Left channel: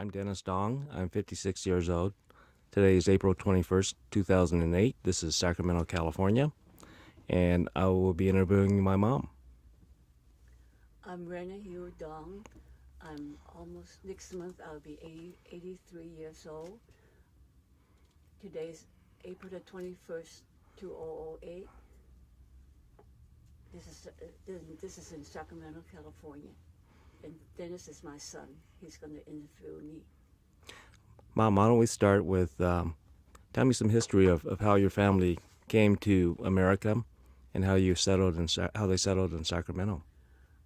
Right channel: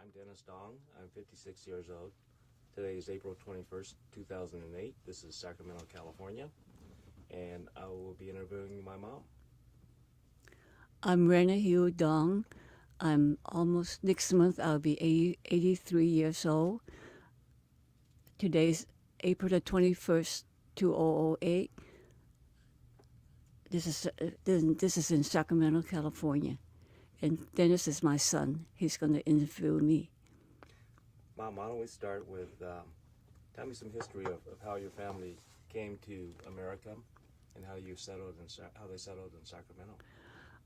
I'm Renna Dong. I'm 56 years old. Today is April 21st, 2008. This is Sacramento, California, and I will be interviewing my mom. I'm Renna Dong. I'm almost next month. I'll be 83 years old. Today's April the 21st, 2008. This is in Sacramento, California, and Dennis is my son. He's going to interview me. Mom, why don't we start with tell me some history of how your family came to America and how you settled in how they settled in Sacramento.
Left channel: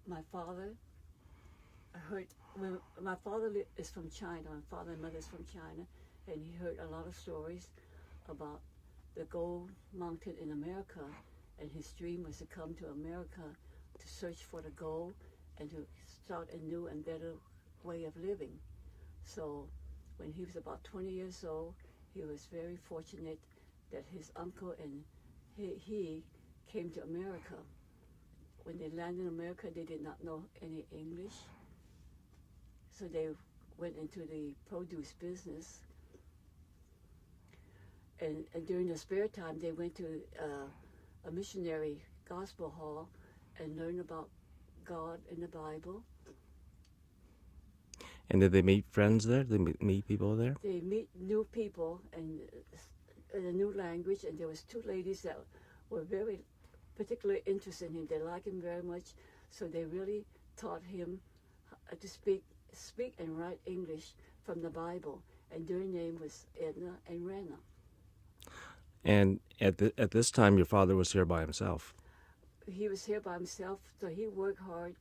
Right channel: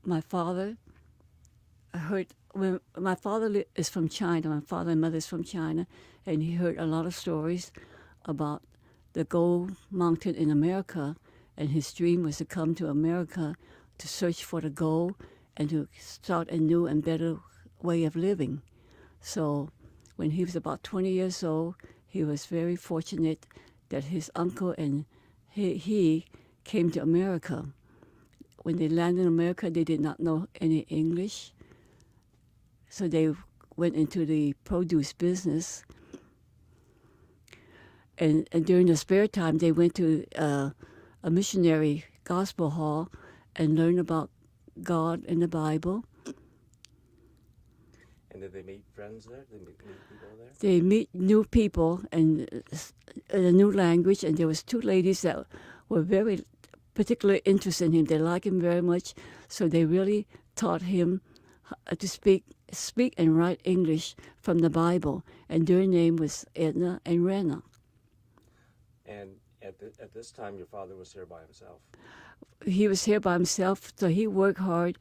My father, I heard when my father is from China. My father and mother is from China, and he heard a lot of stories about the gold mountain in America, and his dream was to come to America to search for the gold and to start a new and better way of living. So when he was about 20 years old, he was very fortunate that his uncle and he came to America. When they landed in America, they did not know any English, so they went into the produce business. And during the spare time, they went to a missionary gospel hall and learned about God and the Bible. And did they meet friends there? Did they meet people there? They meet new people and a new language. And there was two ladies that were very particularly interested in him. They liked him very much, so they really taught him to speak and write English from the Bible. And their name was Edna and Renna. And at this time, your father was here by himself. He was here by himself, so he worked hard,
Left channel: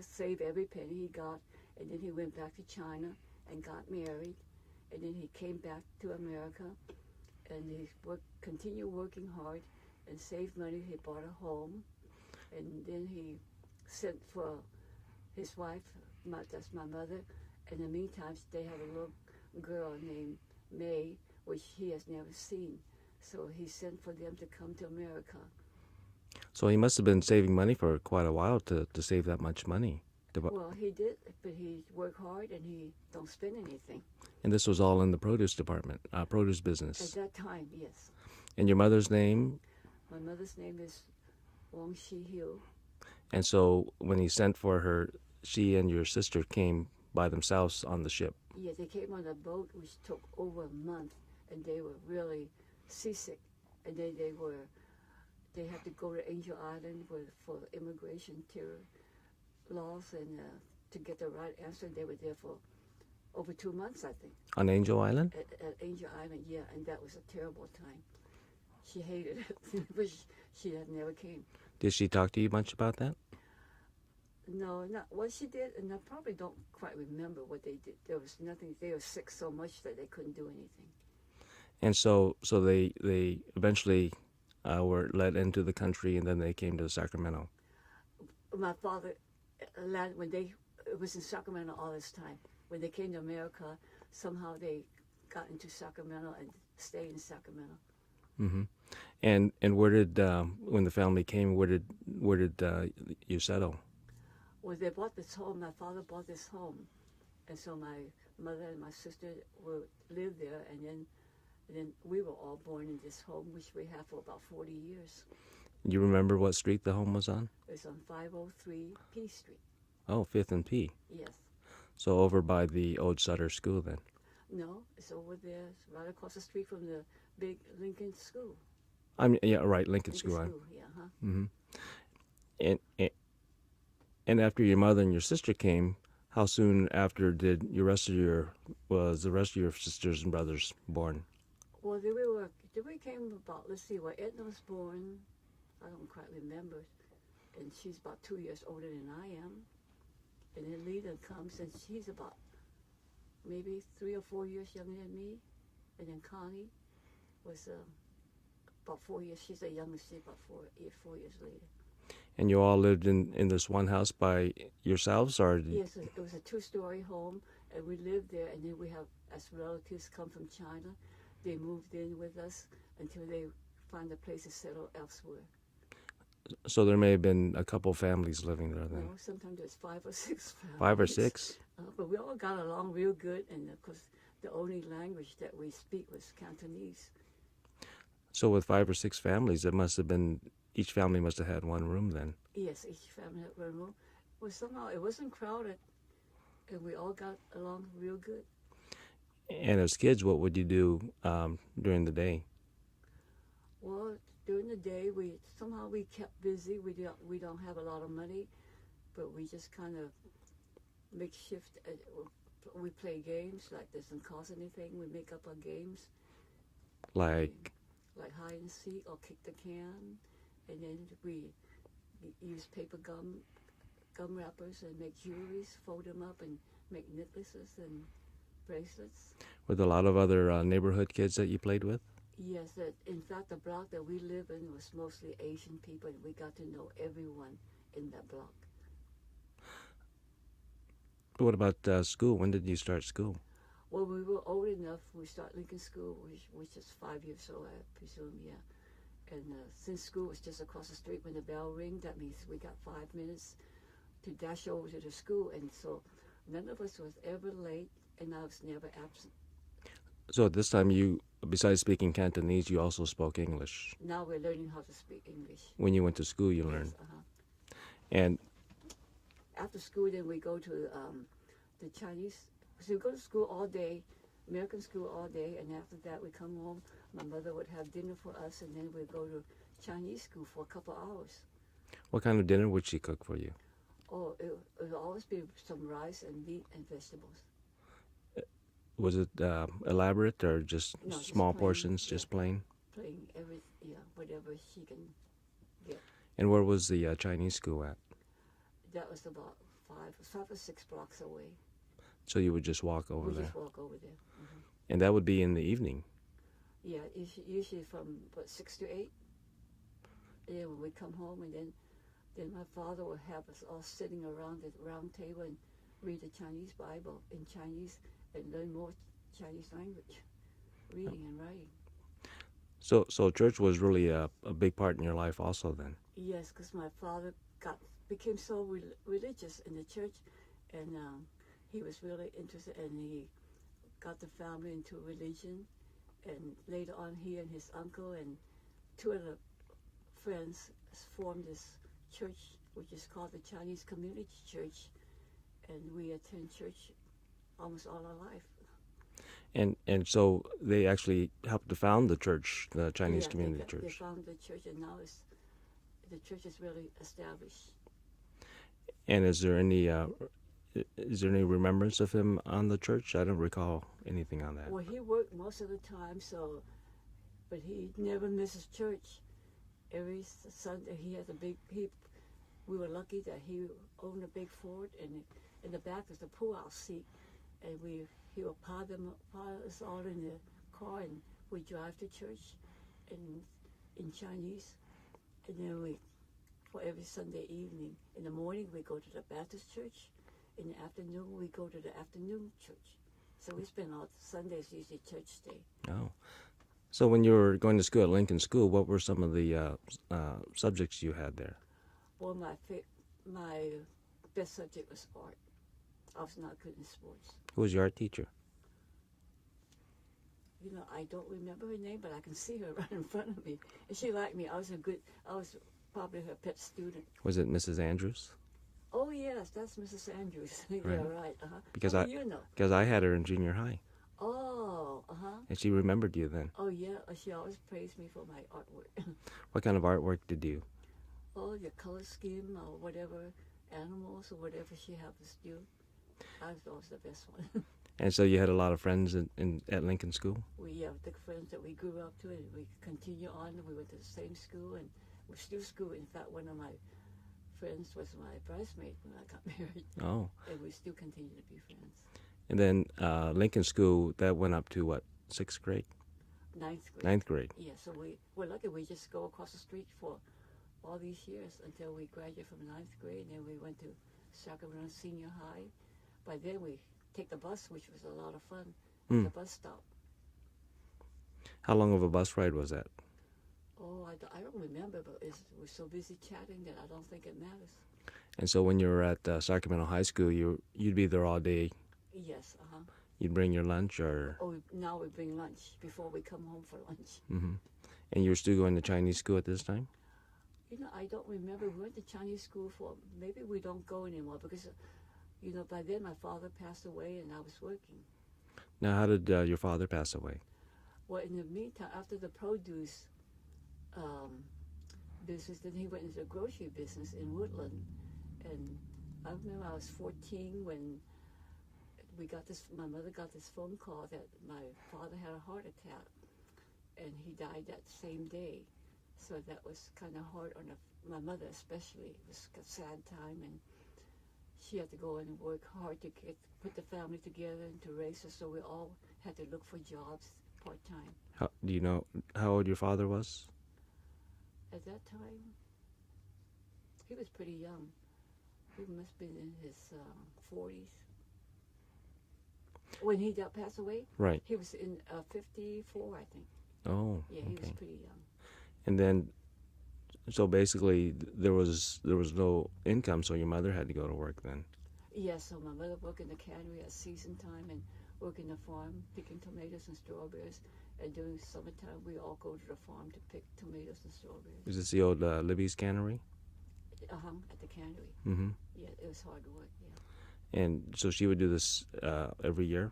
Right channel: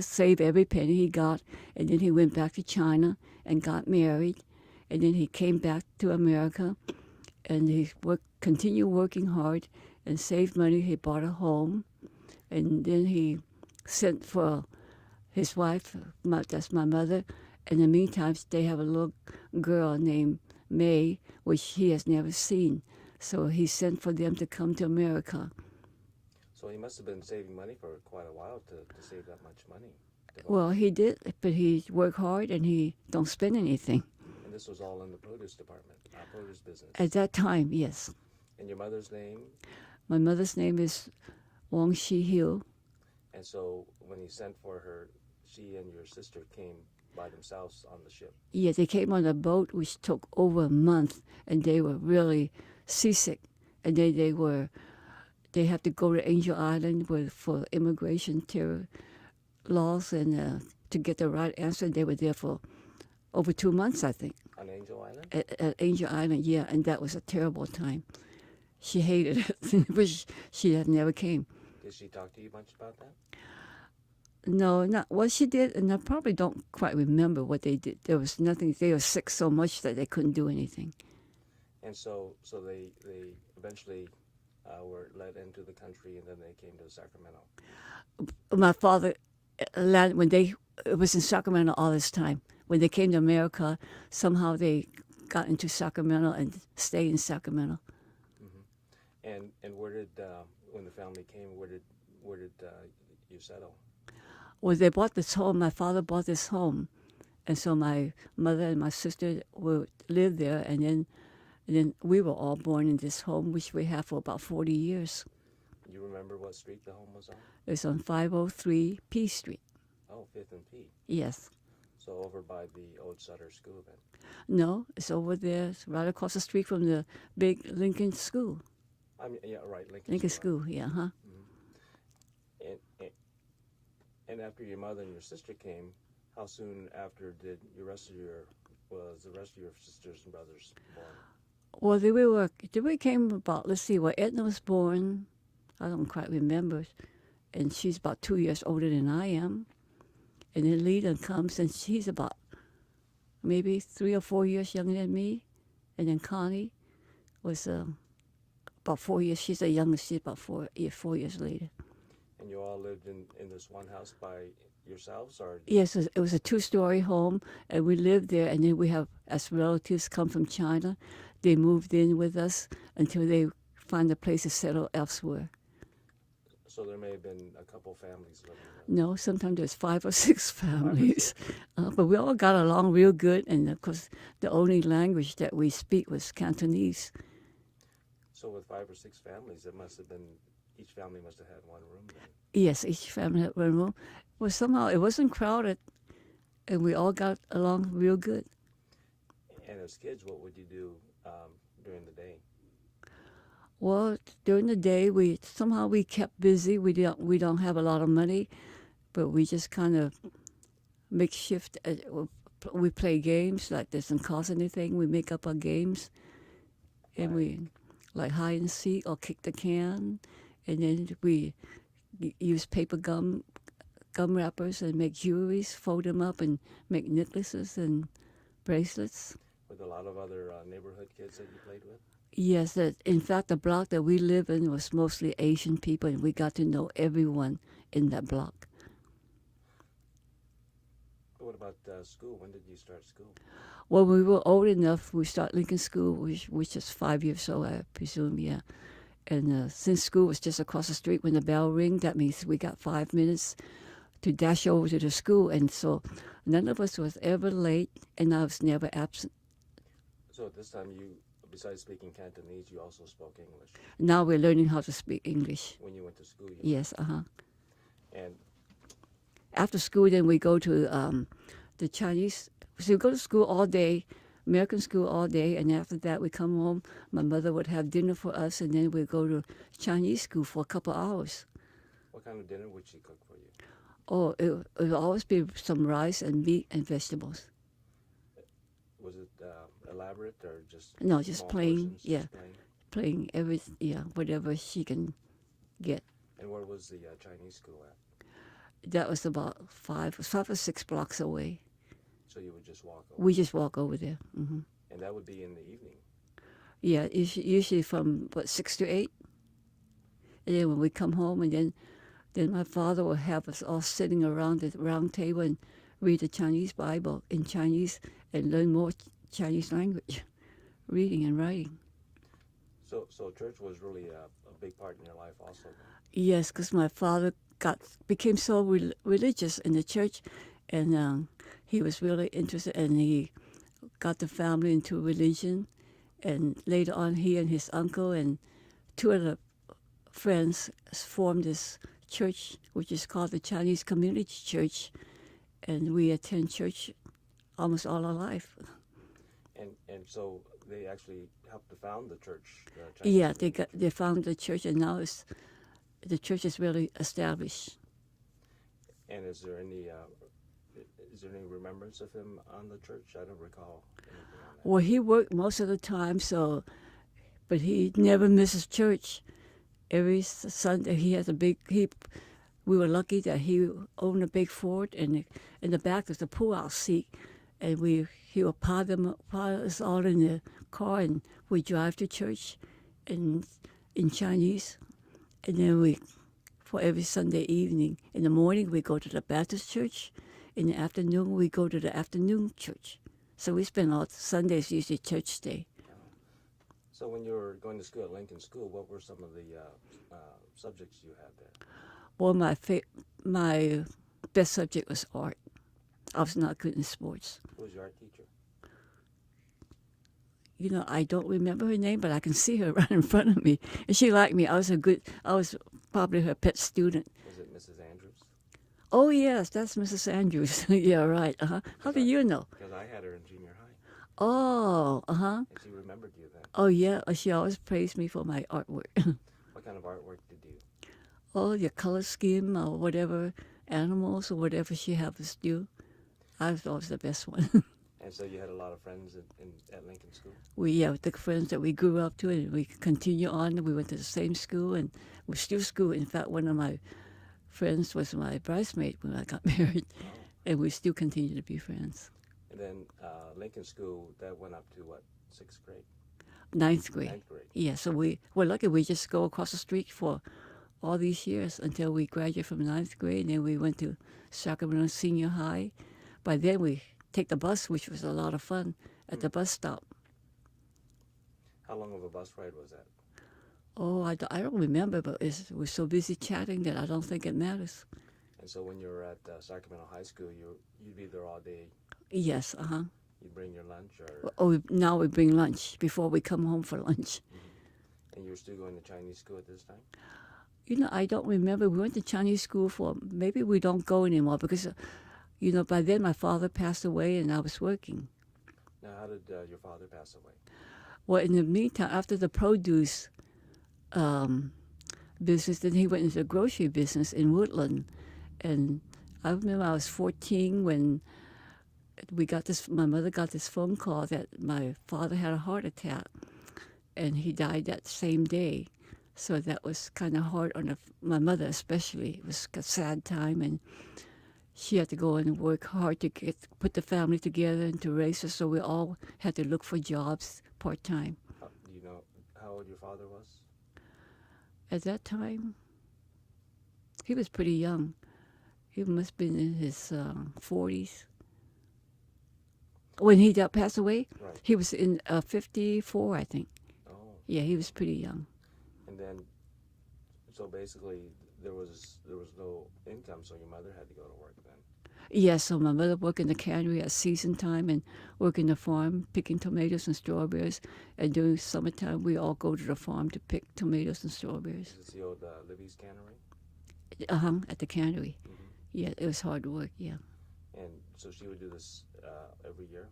save every penny he got, and then he went back to China and got married, and then he came back to America, and he continued working hard and saved money. He bought a home, and then he sent for his wife, that's my mother. In the meantime, they have a little girl named May, which he has never seen. So he sent for them to come to America. So he must have been saving money for quite a while to save that much money. Well, he did, but he worked hard and he don't spend anything. And this was all in the produce department, produce business. At that time, yes. And your mother's name? My mother's name is Wong Shi Hiu. And so when he sent for her, she and your sister came by themselves on the ship. Yeah, they came on a boat which took over a month, and they were really seasick. And they had to go to Angel Island for immigration terror laws and to get the right answer. They were there for over 2 months, I think. On Angel Island? At Angel Island, yeah, and that was a terrible time. She hated it. Wish she had never came. Did she talk to you much about that? No, not what she did, and I probably don't quite remember what they did. There was nothing. They were sick so much that they couldn't do anything. And so they eventually were let into the country, and then they came to Sacramento. My father, it was in Sacramento all this time. When they came to America, somehow they got into Sacramento and stayed in Sacramento. Mm-hmm. And where did when the family came? Where did you settle? Well, they bought this home. My father bought this home, and so my mother and my sister lived there, and then we were all born in this home, which we have for about 40 years. You remember what street the home was on? It's on 503 P Street. Oh, 5th and P. Yes. So over by the old Sutter School then? No, it's over there. It's right across the street from the big Lincoln School. Yeah, right, Lincoln School. School, yeah, huh? Mm-hmm. And after your mother and your sister came, how soon after did the rest of your sisters and brothers born? Well, we came about, let's see, Edna was born, I don't quite remember, and she's about 2 years older than I am. And then Leda comes, and she's about maybe 3 or 4 years younger than me. And then Connie was about 4 years. She's the youngest. She's about 4 years later. And you all lived in this one house by yourselves, or? Yes, it was a 2-story home, and we lived there. And then we have, as relatives come from China, they moved in with us until they find a place to settle elsewhere. So there may have been a couple families living there then. No, sometimes there's 5 or 6 families. 5 or 6? But we all got along real good, and of course, the only language that we speak was Cantonese. So with 5 or 6 families, it must have been, each family must have had one room then. Yes, each family had one room. Well, somehow it wasn't crowded, and we all got along real good. And as kids, what would you do during the day? Well, during the day, we kept busy. We don't have a lot of money, but we just kind of makeshift. We play games like doesn't cost anything. We make up our games, like hide and seek or kick the can, and then we use paper gum wrappers and make jewelries, fold them up and make necklaces and bracelets. Were there a lot of other neighborhood kids that you played with? Yes, in fact, the block that we live in was mostly Asian people, and we got to know everyone in that block. What about school? When did you start school? When we were old enough, we started Lincoln School, which is 5 years old, I presume, yeah. And since school was just across the street, when the bell rang, that means we got 5 minutes to dash over to the school. And so none of us was ever late, and I was never absent. So at this time, you, besides speaking Cantonese, you also spoke English. Now we're learning how to speak English. When you went to school, you learned. Yes, And after school, then we go to the Chinese. So we go to school all day, American school all day, and after that we come home. My mother would have dinner for us, and then we'd go to Chinese school for a couple hours. what kind of dinner would she cook for you? Oh, it would always be some rice and meat and vegetables. Was it elaborate or just No, just small plain, portions, yeah. just plain? Playing whatever she can get. And where was the Chinese school at? That was about 5 or 6 blocks away. So you would just walk over We there. just walk over there. And that would be in the evening. Yeah, usually from 6 to 8. And then when we come home, and then my father will have us all sitting around the round table and read the Chinese Bible in Chinese and learn more Chinese language, reading and writing. So church was really a big part in your life also then. Yes, because my father became so religious in the church, and he was really interested, and he got the family into religion. And later on, he and his uncle and 2 other friends formed this church, which is called the Chinese Community Church, and we attend church almost all our life. And so they actually helped to found the church, the Chinese Community Church. They founded the church, and now the church is really established. And is there any remembrance of him on the church? I don't recall anything on that. Well, he worked most of the time, but he never misses church. Every Sunday he has we were lucky that he owned a big Ford, and in the back was the pull-out seat, and he would pile us all in the car, and we drive to church in Chinese, and then for every Sunday evening. In the morning we go to the Baptist church. In the afternoon we go to the afternoon church. So we spend all Sundays usually church day. Oh. So when you were going to school at Lincoln School, what were some of the subjects you had there? Well, my best subject was art. I was not good in sports. Who was your art teacher? I don't remember her name, but I can see her right in front of me. And she liked me. I was probably her pet student. Was it Mrs. Andrews? Oh, yes, that's Mrs. Andrews. Yeah, right. How do you know? Because I had her in junior high. Oh, And she remembered you then. Oh, yeah. She always praised me for my artwork. What kind of artwork did you? Oh, your color scheme or whatever, animals or whatever she had us do. I was always the best one. And so you had a lot of friends at Lincoln School? We the friends that we grew up to, and we continue on. We went to the same school, and we're still school. In fact, one of my friends was my bridesmaid when I got married. Oh. And we still continue to be friends. And then Lincoln School, that went up to what, 6th grade? 9th grade. 9th grade. Yeah, so we're lucky. We just go across the street for all these years until we graduated from 9th grade, and then we went to Sacramento Senior High. By then we take the bus, which was a lot of fun, at the bus stop. How long of a bus ride was that? Oh, I don't remember, but we're so busy chatting that I don't think it matters. And so when you were at Sacramento High School, you'd be there all day. Yes, uh-huh. You'd bring your lunch, or Oh, now we bring lunch before we come home for lunch. and you were still going to Chinese school at this time. I don't remember. We went to Chinese school for, maybe we don't go anymore because, by then my father passed away and I was working. Now, how did your father pass away? Well, in the meantime, after the produce um, business, then he went into the grocery business in Woodland. And I remember I was 14 when my mother got this phone call that my father had a heart attack and he died that same day. So that was kind of hard on my mother especially. It was a sad time, and she had to go and work hard to put the family together and to raise us. So we all had to look for jobs part-time. Do you know how old your father was? At that time, he was pretty young. He must have been in his 40s. When he passed away, Right. he was in 54, I think. Oh. Yeah, he was okay. pretty young. And then, so basically, there was no income, so your mother had to go to work then. Yeah, so my mother worked in the cannery at season time and worked in the farm picking tomatoes and strawberries. And during summertime, we all go to the farm to pick tomatoes and strawberries. Is this the old Libby's Cannery? At the cannery. Mm-hmm. Yeah, it was hard work, yeah. And so she would do this every year,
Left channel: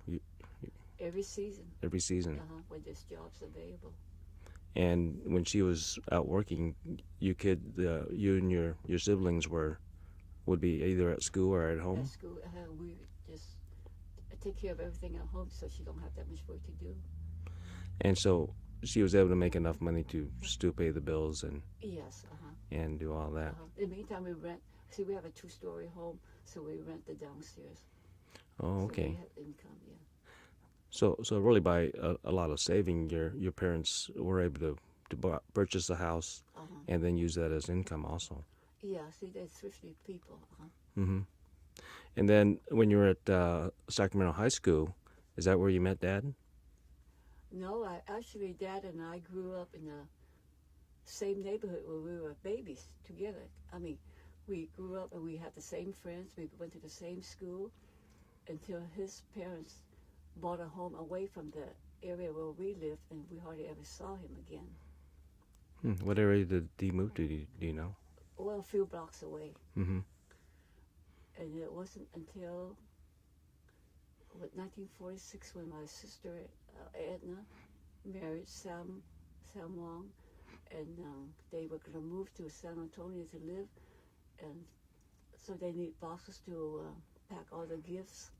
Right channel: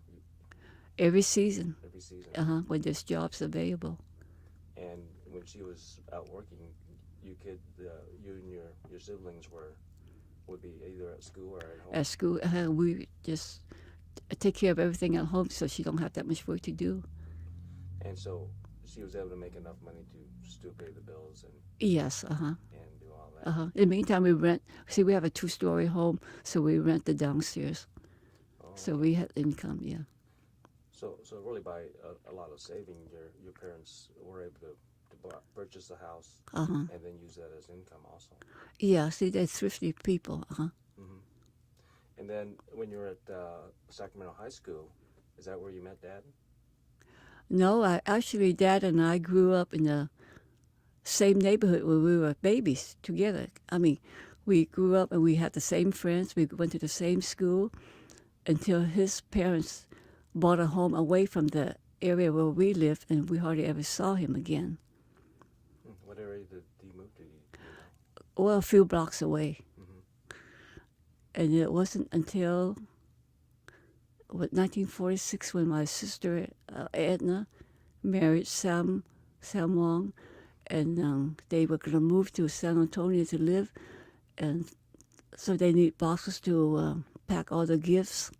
Every season, every season. when there's jobs available. And when she was out working, you and your siblings would be either at school or at home. At school, we just take care of everything at home so she don't have that much work to do. And so she was able to make enough money to still pay the bills Yes, and do all that. In the meantime, we rent. See, we have a 2-story home, so we rent the downstairs. Oh, okay. So we had income, yeah. So really, by a lot of saving, your parents were able to purchase a house and then use that as income also. Yeah, see, they're thrifty people, Mm-hmm. And then when you were at Sacramento High School, is that where you met Dad? No, actually, Dad and I grew up in the same neighborhood where we were babies together. I mean, we grew up and we had the same friends. We went to the same school until his parents bought a home away from the area where we lived, and we hardly ever saw him again. What area did he move to? Do you know? Well, a few blocks away. Mm-hmm. And it wasn't until 1946 when my sister Edna married Sam Wong, and they were going to move to San Antonio to live, and so they need boxes to pack all the gifts.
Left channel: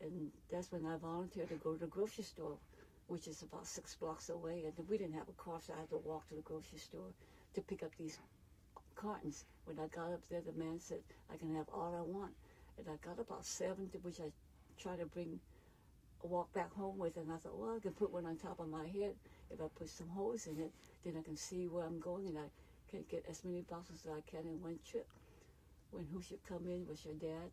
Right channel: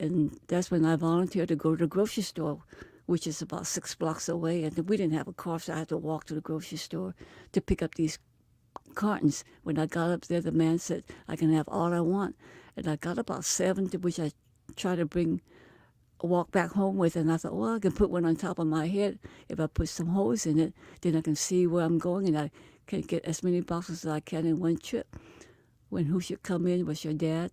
And that's when I volunteered to go to the grocery store, which is about 6 blocks away. And we didn't have a car, so I had to walk to the grocery store to pick up these cartons. When I got up there, the man said, I can have all I want. And I got about 7, which I tried to walk back home with. And I thought, well, I can put one on top of my head. If I put some holes in it, then I can see where I'm going, and I can get as many boxes as I can in one trip. When who should come in was your dad.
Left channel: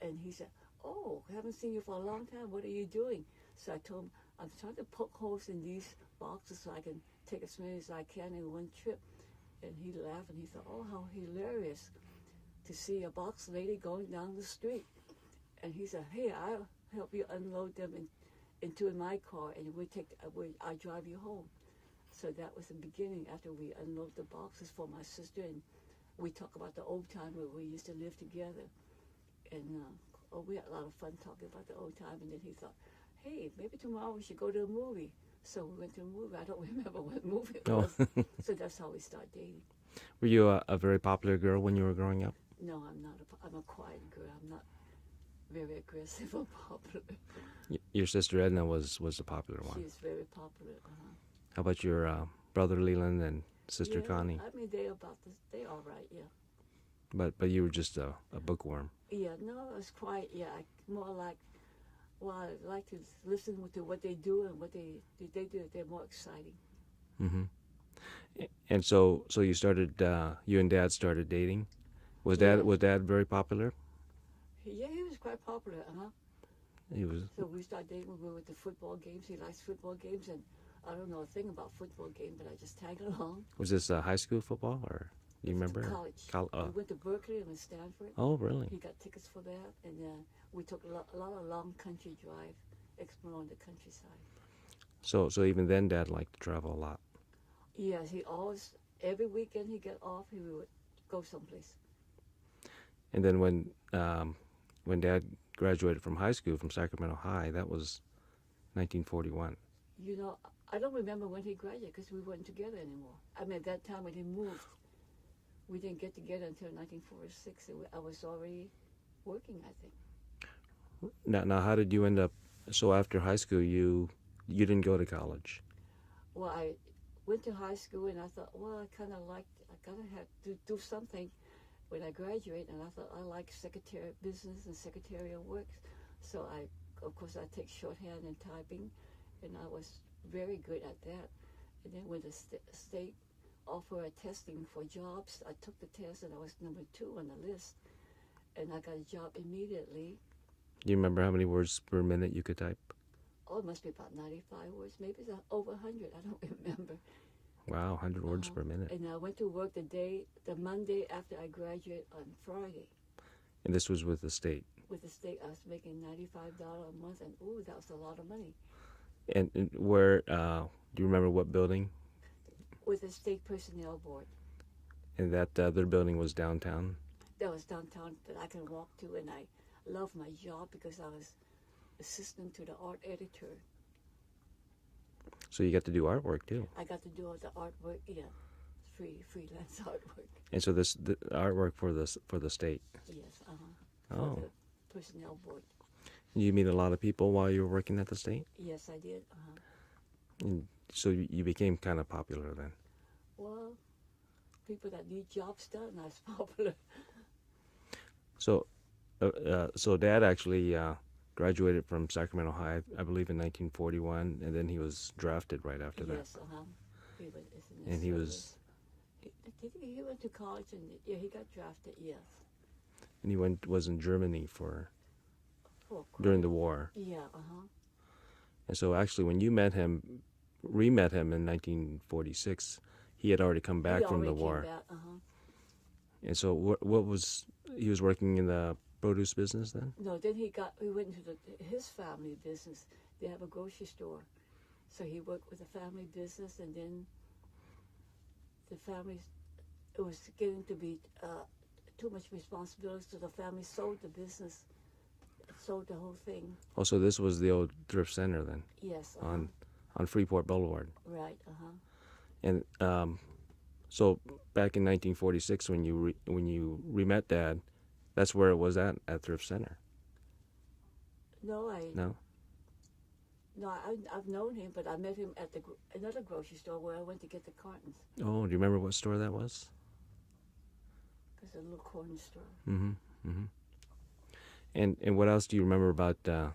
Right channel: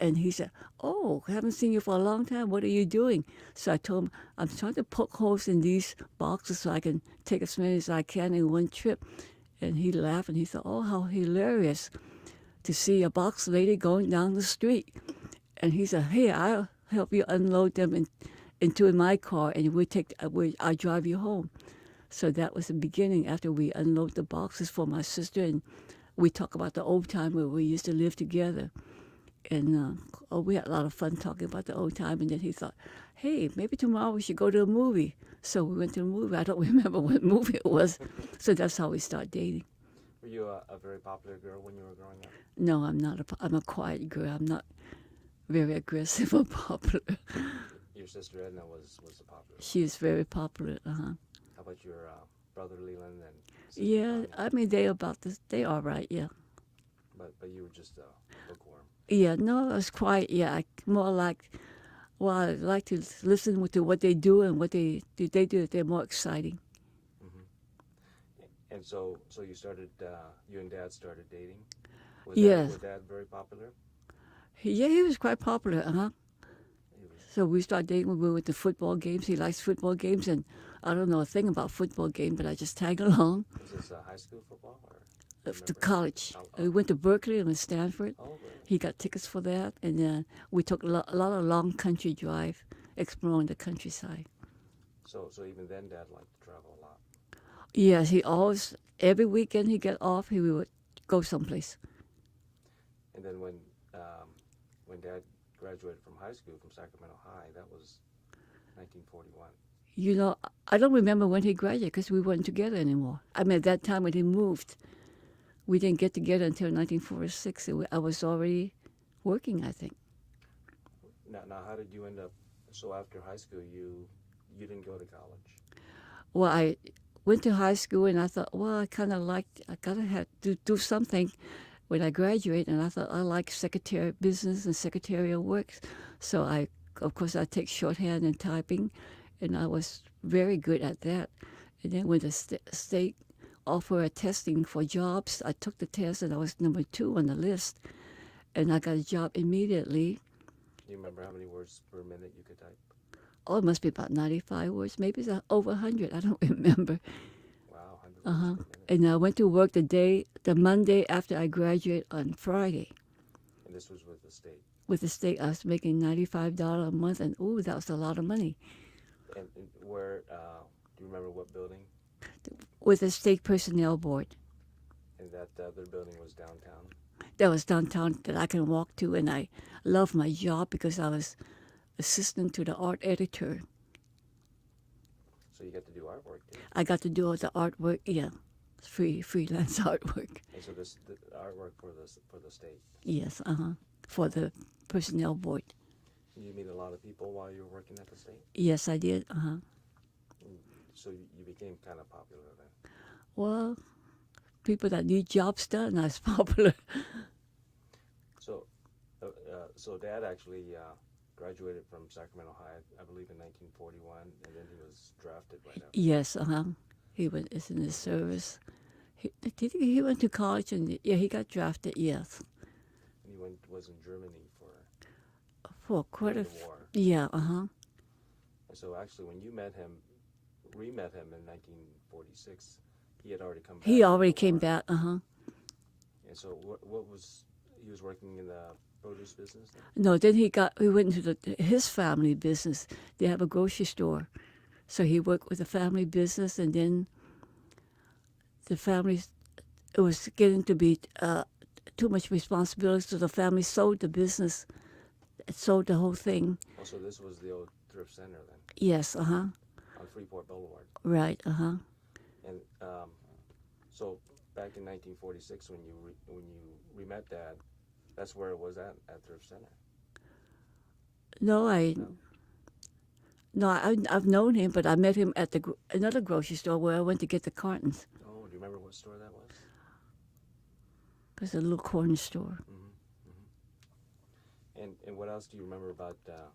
And he said, oh, I haven't seen you for a long time. What are you doing? So I told him, I'm trying to poke holes in these boxes so I can take as many as I can in one trip. And he laughed, and he thought, oh, how hilarious to see a box lady going down the street. And he said, hey, I'll help you unload them into my car, and I'll drive you home. So that was the beginning. After we unload the boxes for my sister, and we talk about the old time where we used to live together. And we had a lot of fun talking about the old time. And then he thought, hey, maybe tomorrow we should go to a movie. So we went to a movie. I don't remember what movie it was. So that's how we started dating. Were you a very popular girl when you were growing up? No, I'm not. I'm a quiet girl. I'm not very aggressive or popular. Your sister Edna was the popular one. She is very popular. How about your brother Leland and sister Yeah, Connie? I mean, they all right, yeah. But you were just a bookworm. Yeah, no, I was quiet. Yeah, more like, well, I like to listen to what they do and what they do. They're more exciting. Mm-hmm. And so you started. You and Dad started dating. Was Yes. Dad very popular? Yeah, he was quite popular. He was. So we started dating when we went to football games. He likes football games, and I don't know a thing about football game, but I just tag along. Was this high school football or do you To remember? college. We Oh, went to Berkeley and Stanford. oh, really? He got tickets for that, and we took a lot of long country drive, exploring the countryside. So even then, Dad liked to travel a lot. Yes, he always every weekend he get off, he would go someplace. And then when Dad graduated from high school from Sacramento High, that was 1941. You know, I don't remember when he graduated because we weren't together anymore. I mean, at that time when he moved, we didn't get together until 1946. I was already working, I think. Now, how did you end up? So after high school, you didn't go to college. Well, I went to high school and I thought, well, I gotta have to do something when I graduate. And I thought I like secretary business and secretarial work. So of course, I take shorthand and typing, and I was very good at that. And then when the state offered a testing for jobs, I took the test and I was number 2 on the list, and I got a job immediately. Do you remember how many words per minute you could type? Oh, it must be about 95 words, maybe it's over 100. I don't remember. Wow, 100 words per minute. And I went to work the Monday after I graduated on Friday. And this was with the state. With the state, I was making $95 a month, and ooh, that was a lot of money. And where, do you remember what building? With the state personnel board. And that other building was downtown? That was downtown that I can walk to, and I loved my job because I was assistant to the art editor. So you got to do artwork too. I got to do all the artwork, yeah, freelance artwork. And so the artwork for the state. Yes, for the personnel board. You meet a lot of people while you were working at the state? Yes, I did. And so you became kind of popular then. Well, people that need jobs done, I was popular. So, so Dad actually graduated from Sacramento High, I believe, in 1941, and then he was drafted right after. Yes, he went in the service. He went to college, and yeah, he got drafted. Yes. And he was in Germany for quite during the war. Yeah, And so actually, when you re-met him in 1946, he had already come back. He already from the came war. back. And so what was he was working in the produce business then? No, then he went into his family business. They have a grocery store, so he worked with the family business, and then the family, it was getting to be too much responsibility, so the family sold the business, sold the whole thing. Oh, so this was the old thrift center then? Yes, On Freeport Boulevard. Right, And so back in 1946, when you re-met Dad, that's where it was at Thrift Center. No, No? I've known him, but I met him at another grocery store where I went to get the cartons. Oh, do you remember what store that was? It was a little corner store. Mm-hmm. Mm-hmm. And what else do you remember about that?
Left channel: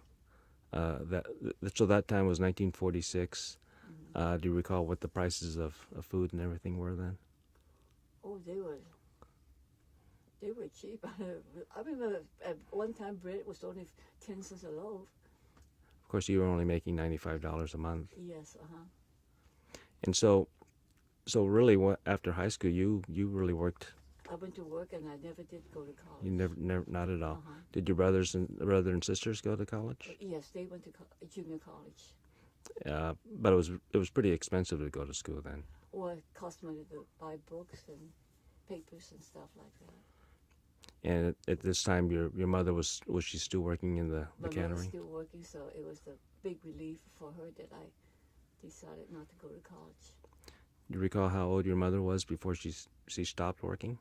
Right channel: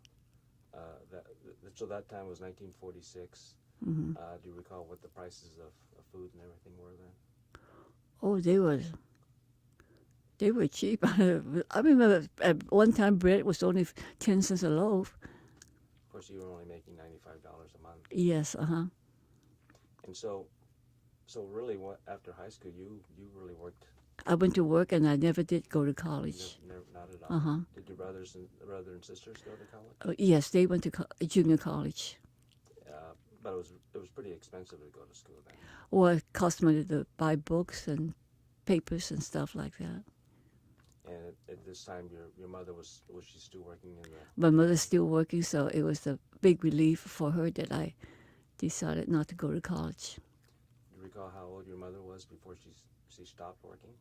So that time was 1946. Mm-hmm. Do you recall what the prices of food and everything were then? Oh, they were cheap. I remember at one time bread was only 10 cents a loaf. Of course, you were only making $95 a month. Yes, And so really, after high school, you really worked. I went to work and I never did go to college. Never, not at all. Did your brother and sisters go to college? Yes, they went to junior college. But it was pretty expensive to go to school then. Or it cost money to buy books and papers and stuff like that. And at this time, your mother was she still working in the? My mother's still working, so it was a big relief for her that I decided not to go to college. Do you recall how old your mother was before she stopped working?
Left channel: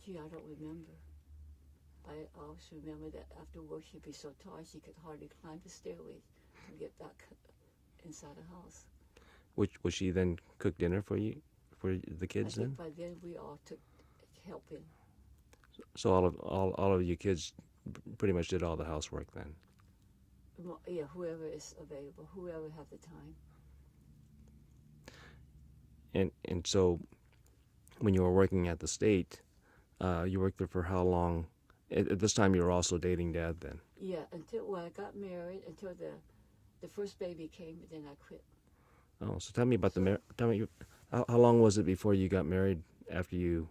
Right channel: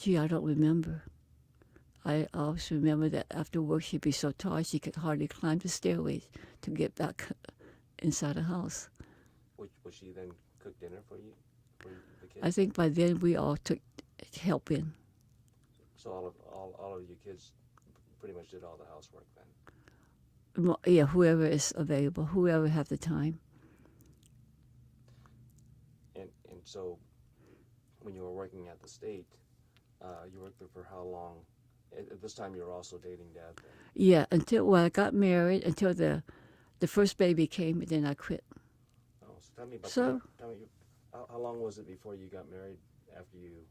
Gee, I don't remember. I always remember that after work she'd be so tired she could hardly climb the stairways to get back inside the house. Would she then cook dinner for you, for the kids? I think by then we all took help in. So all of you kids pretty much did all the housework then. Yeah, whoever is available, whoever have the time. And so when you were working at the state, you worked there for how long? At this time, you were also dating Dad then. Yeah, until I got married, until the The first baby came, and then I quit. Oh, so tell me about So, tell me how long was it before you got married after you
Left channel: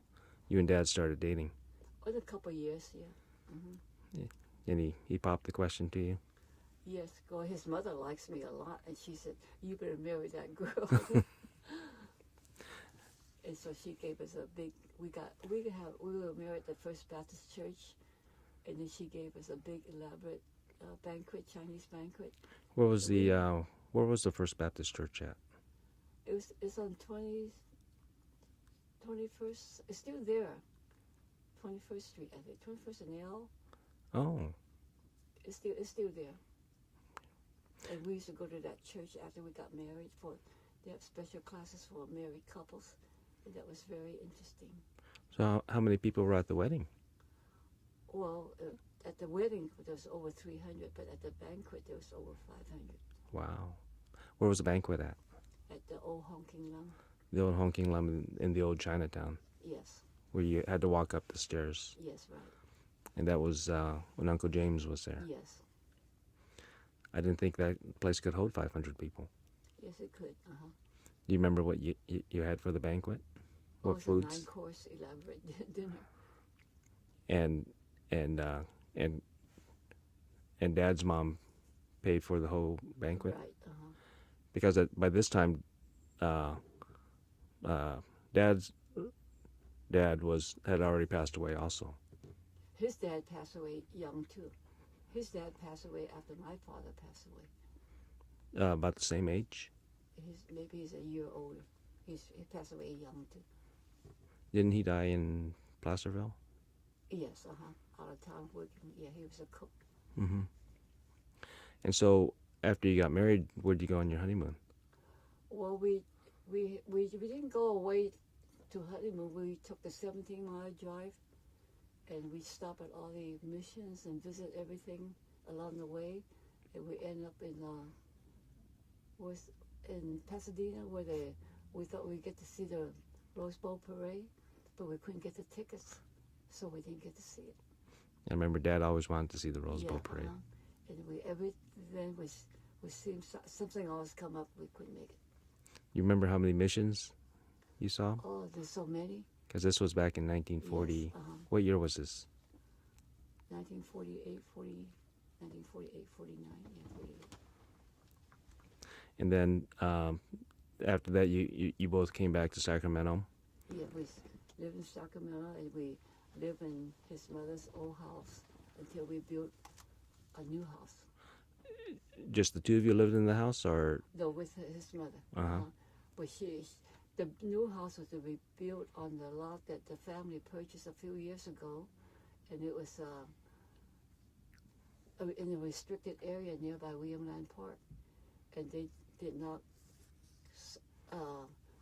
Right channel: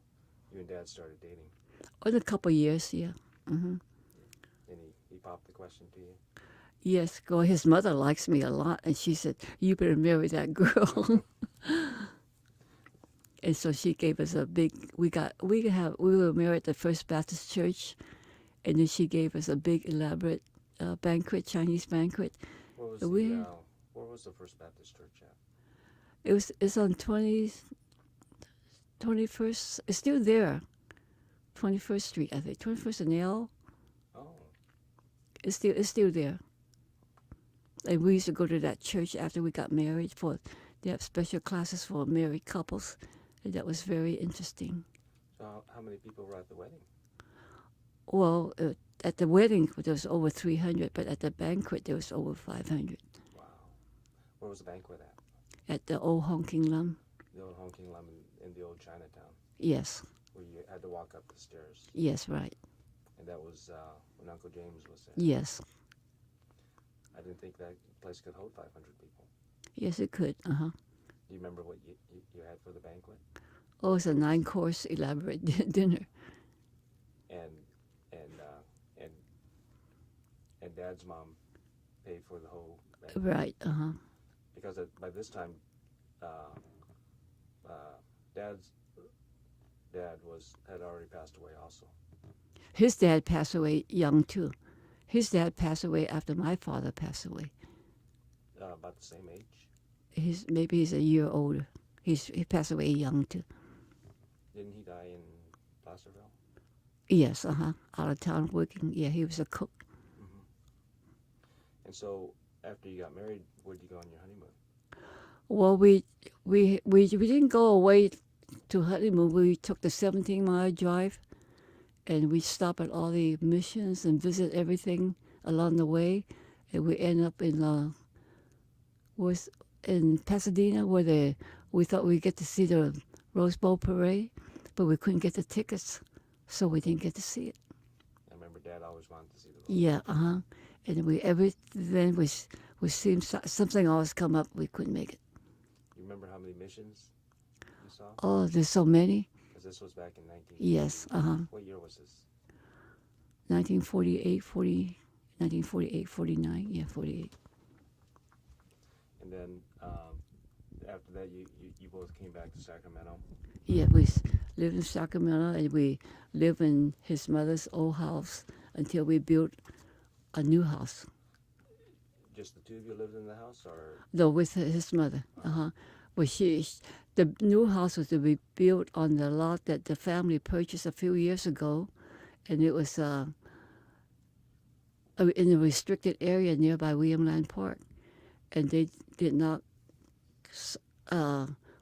and Dad started dating? in a couple of years, yeah. Hmm. And he popped the question to you. Yes, well, his mother likes me a lot, and she said, "You better marry that girl." And so she gave us a big. We were married at the First Baptist Church, and then she gave us a big elaborate banquet, Chinese banquet. Where was And the where was the First Baptist Church at? it's on 21st. It's still there, 21st Street, I think, 21st and L. Oh, It's still there. And we used to go to that church after we got married. They have special classes for married couples, and that was very interesting. so how many people were at the wedding? Well, at the wedding there was over 300, but at the banquet there was over 500. Wow. Where was the banquet at? At the old honking lum. The old honking lum in the old Chinatown, Yes, where you had to walk up the stairs, yes, right. and that was when Uncle James was there. Yes, I didn't think that place could hold 500 people. yes, it could. Uh-huh. Do you remember what you had for the banquet? Oh, What it's a foods? 9-course elaborate dinner. And and uh, and and Dad's mom paid for the whole banquet Right. Uh-huh. because by this time, uh, Dad's dad had already passed away also. His dad passed away young too. His dad passed away after my father passed away. About the same age. Maybe he's a year older. He passed away young too. Didn't he die in Placerville? Yes, out of town working. Yeah, he was a cook. Mm-hmm. And so after you got married, where'd you go on your honeymoon? Well, we didn't go away to honeymoon. We took the 17-mile drive, and we stopped at all the missions and visit everything along the way, and we end up was in Pasadena where we thought we'd get to see the Rose Bowl parade, but we couldn't get the tickets, so we didn't get to see it. I remember Dad always wanted to see the Rose Yeah, Bowl parade. And then we seemed something always come up. We couldn't make it. You remember how many missions you saw? Oh, there's so many. Because this was back in 1940. Yes, What year was this? 1948, 49. Yeah, 48. And then after that, you both came back to Sacramento. Yeah, we lived in Sacramento, and we lived in his mother's old house until we built a new house. Just the two of you lived in the house, or Though with his mother. Uh-huh. But the new house was to be built on the lot that the family purchased a few years ago, and it was in a restricted area nearby William Land Park, and they did not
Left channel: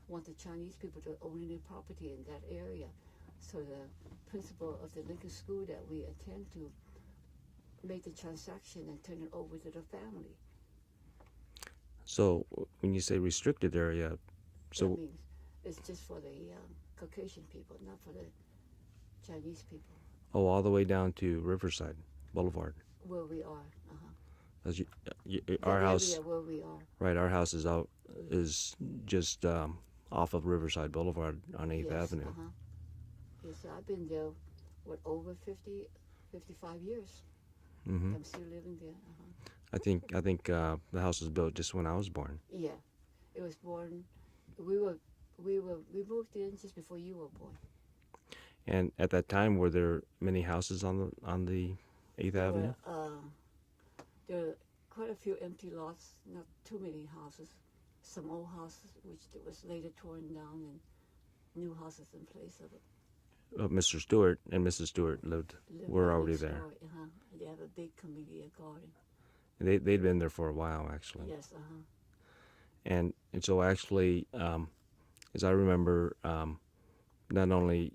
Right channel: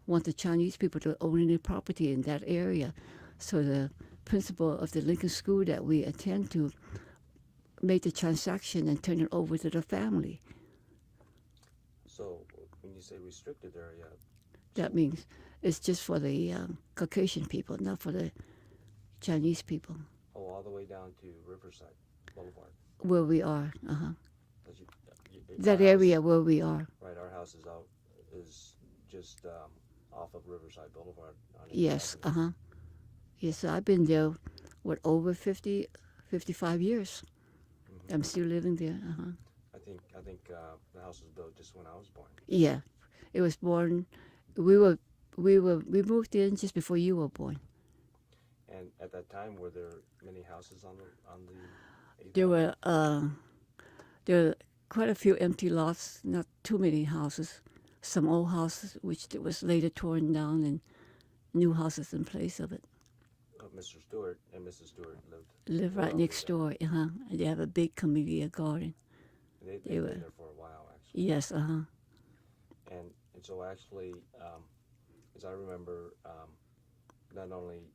want the Chinese people to own any property in that area. So the principal of the Lincoln School that we attend to made the transaction and turned it over to the family. so when you say restricted area, so That means it's just for the Caucasian people, not for the Chinese people. all the way down to Riverside Boulevard. Where we are, 'Cause that our area house, where we are. right? Our house is just off of Riverside Boulevard on 8th Yes, Avenue. Yes, so I've been there, over 55 years. Hmm. I'm still living there. I think the house was built just when I was born. Yeah, it was born. We moved in just before you were born. And at that time, were there many houses on the 8th There Avenue? were quite a few empty lots, not too many houses. Some old houses, which was later torn down, and new houses in place of it. Mr. Stewart and Mrs. Stewart Live were right already next there. door. And they have a big camellia garden. They've were- been there for a while, actually. Yes, And so actually, as I remember, not only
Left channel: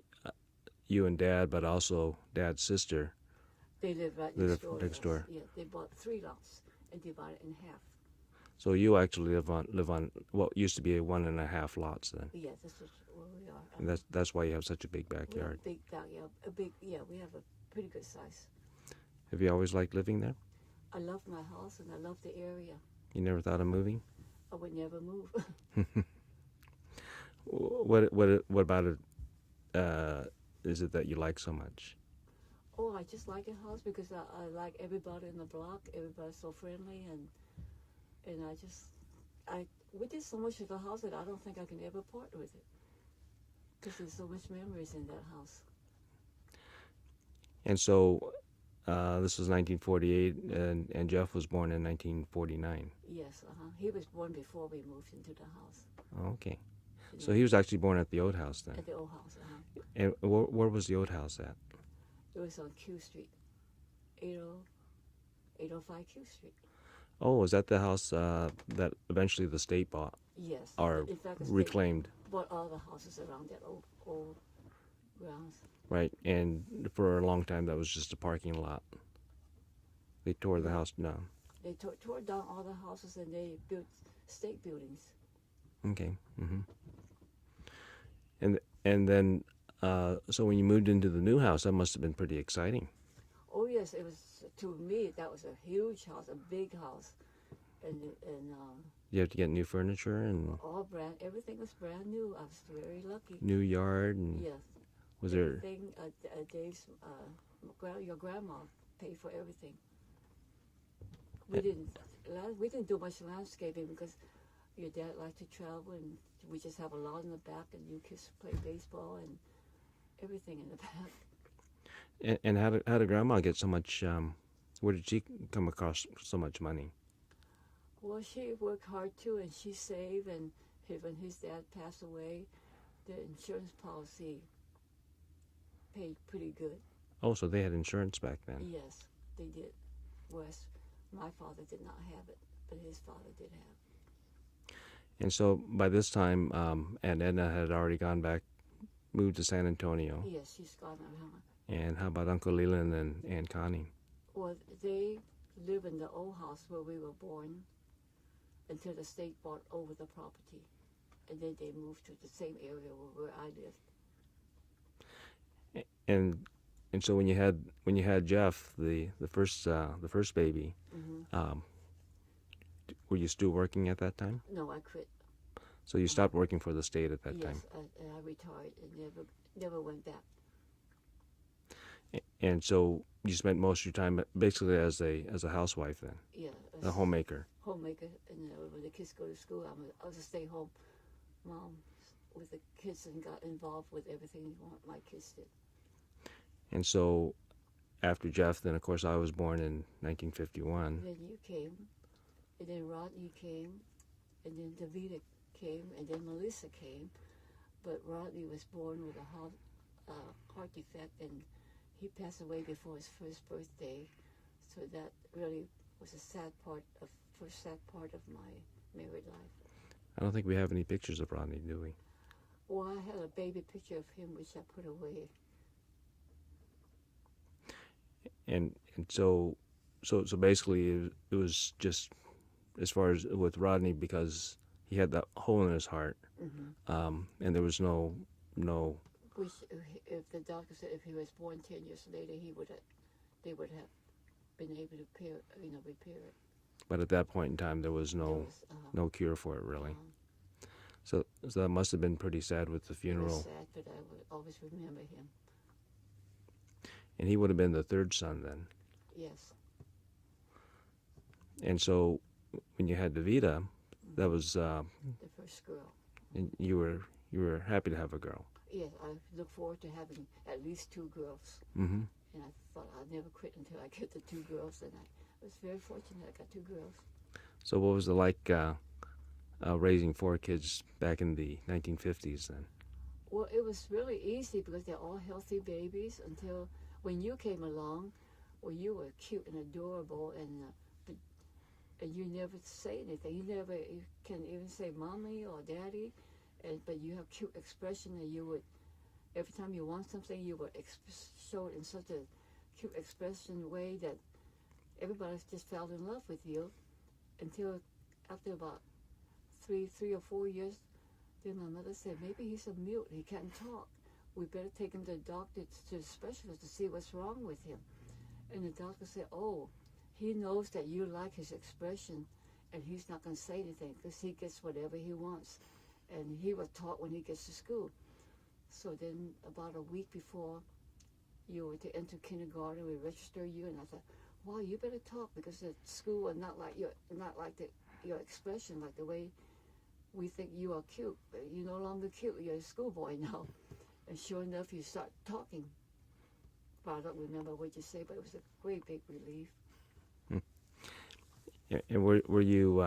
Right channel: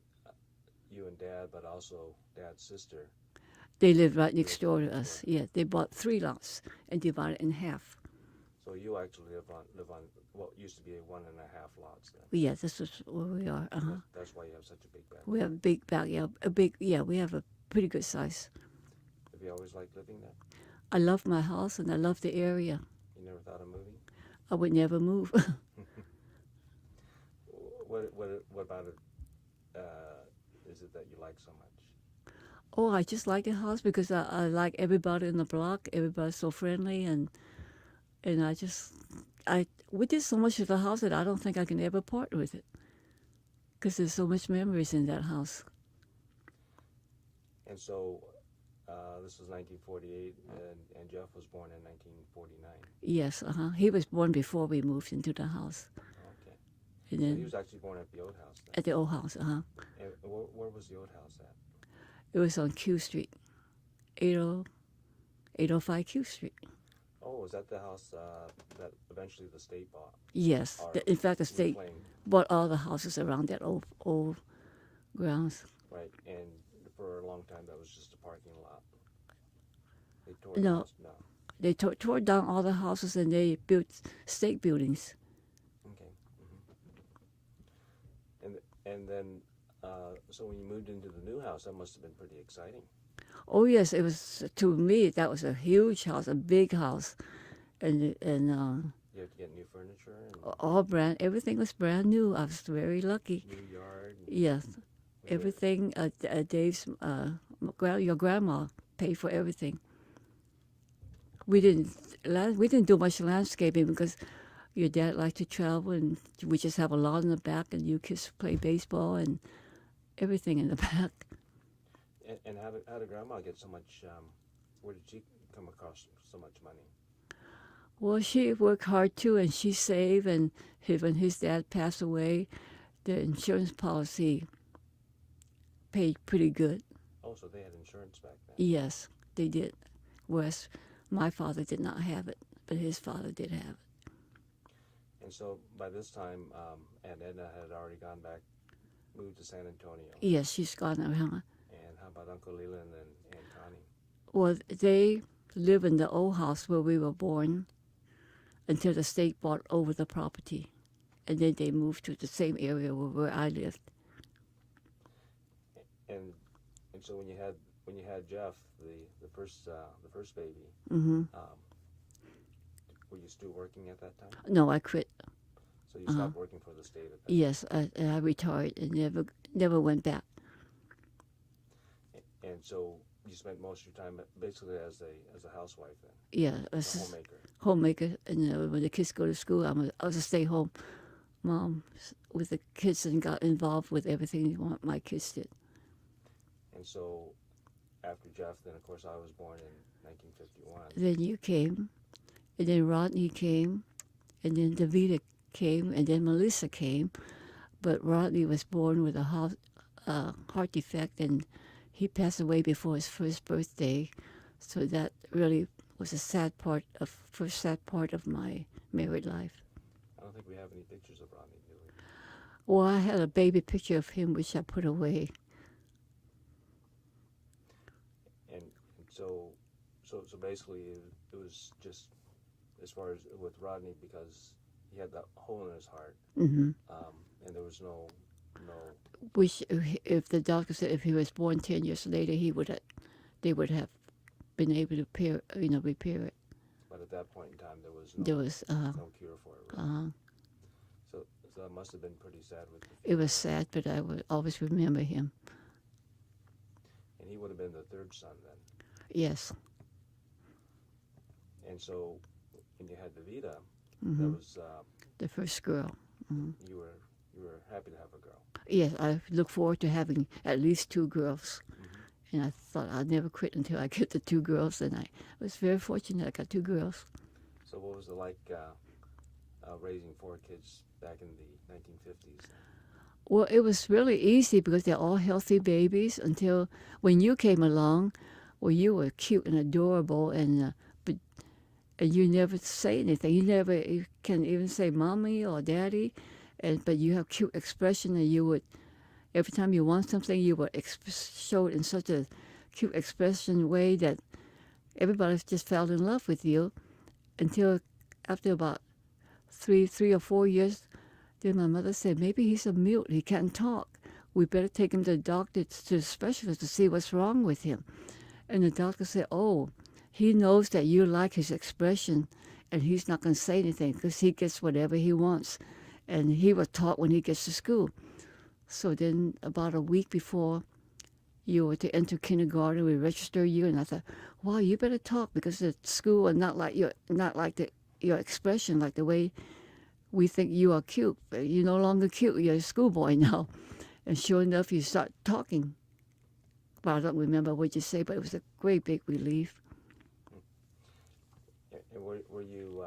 you and Dad, but also Dad's sister. They live right next Live door to next us. door. Yeah, they bought 3 lots and divided it in half. So you actually live on what used to be a 1.5 lots then. Yeah, this is where we are. And that's why you have such a big backyard. We have a big backyard. We have a pretty good size. Have you always liked living there? I love my house and I love the area. You never thought of moving? I would never move. What about it? Is it that you like so much? Oh, I just like the house because I like everybody in the block. Everybody's so friendly, and we did so much with the house that I don't think I can ever part with it because there's so much memories in that house. And so this was 1948, and Jeff was born in 1949. Yes, he was born before we moved into the house. Okay. And So then he was actually born at the old house then. at the old house. And where was the old house at? It was on Q Street, 805 Q Street. Oh, was that the house that eventually the state bought Yes. or In fact, the state reclaimed? bought all the houses around that old grounds. Right, and for a long time that was just a parking lot. They tore the No. house down. They tore down all the houses and they built state buildings. Okay. And then so when you moved into the new house, that must have been pretty exciting. Oh yes, it was. To me, that was a huge house, a big house, and You have to get new furniture and everything was brand new. I was very lucky. new yard. And Yes, was there, everything. Dave's your grandma paid for everything. We didn't do much landscaping because your dad liked to travel, and we just have a lawn in the back, and you kids play baseball and everything in the back. and how did Grandma get so much? Where did she come across so much money? Well, she worked hard too, and she saved. And when his dad passed away, the insurance policy paid pretty good. Oh, so they had insurance back then. Yes, they did. Whereas my father did not have it, but his father did have it. And so by this time, Aunt Edna had already moved to San Antonio. Yes, she's gone now. And how about Uncle Leland and Aunt Connie? Well, they live in the old house where we were born until the state bought over the property, and then they moved to the same area where I lived. And so when you had Jeff, the first baby, were you still working at that time? No, I quit. So you stopped working for the state at that Yes, time? I retired and never went back. And so you spent most of your time basically as a housewife then, Yeah, a homemaker. Homemaker, and when the kids go to school, I was a stay-home mom with the kids and got involved with everything my kids did. And so after Jeff, then of course I was born in 1951. Then you came, and then Rodney came, and then Davida came, and then Melissa came. But Rodney was born with a heart defect, and he passed away before his first birthday. So that really was a first sad part of my married life. I don't think we have any pictures of Rodney, do we? Well, I had a baby picture of him, which I put away. And so basically it was just as far as with Rodney, because he had that hole in his heart, Mm-hmm. and there was no. Which, if the doctor said if he was born 10 years later, they would have been able to repair it. But at that point in time, there was no cure for it really. So that must have been pretty sad with the It funeral. was sad, but I would always remember him. And he would have been the third son then. Yes. And so when you had Davida, that was The first girl. and you were happy to have a girl. Yes, I look forward to having at least 2 girls. Mm-hmm. And I thought I'd never quit until I get the 2 girls, and I was very fortunate I got 2 girls. So what was it like raising 4 kids back in the 1950s then? Well, it was really easy because they're all healthy babies until when you came along. Well, you were cute and adorable, and you never say anything. You can even say mommy or daddy, but you have cute expression, and you would, every time you want something, you would show it in such a cute expression way that everybody just fell in love with you until after about three or 4 years. Then my mother said, maybe he's a mute. He can't talk. We better take him to the doctor, to the specialist, to see what's wrong with him. And the doctor said, oh, he knows that you like his expression, and he's not going to say anything because he gets whatever he wants. And he was taught when he gets to school. So then about a week before you were to enter kindergarten, we register you, and I thought, wow, you better talk because the school and not like your expression, like the way we think you are cute. But you're no longer cute. You're a schoolboy now. And sure enough, you start talking. But I don't remember what you say, but it was a great big relief. And were you?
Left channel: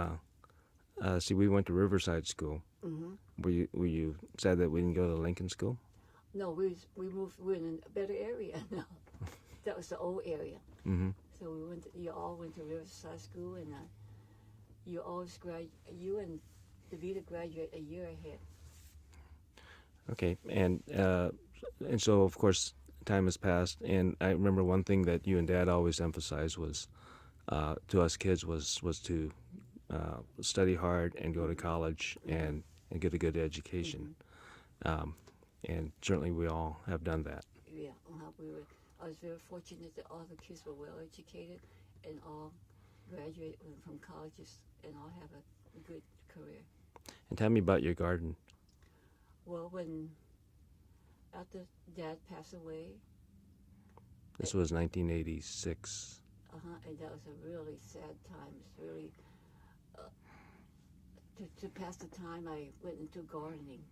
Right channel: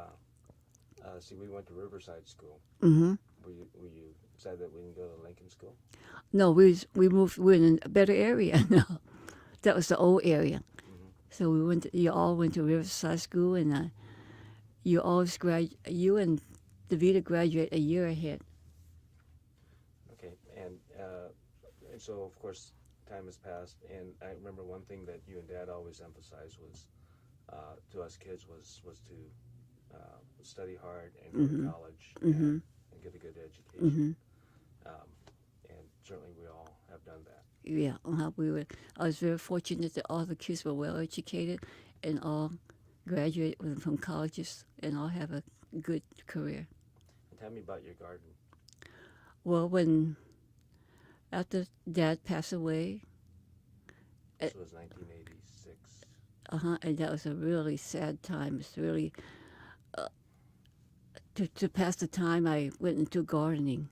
See, we went to Riverside School. Mm-hmm. Were you sad that we didn't go to Lincoln School? No, we moved. We're in a better area now. That was the old area. Mm-hmm. So we went. You all went to Riverside School, and you and Davida graduate a year ahead. Okay, and so of course time has passed, and I remember one thing that you and Dad always emphasized was to us kids was to study hard and go to college and get a good education. And certainly we all have done that. Yeah, I was very fortunate that all the kids were well educated and all graduated from colleges and all have a good career. And tell me about your garden. Well, after Dad passed away, This was 1986. and that was a really sad time. It's really to pass the time. I went into gardening,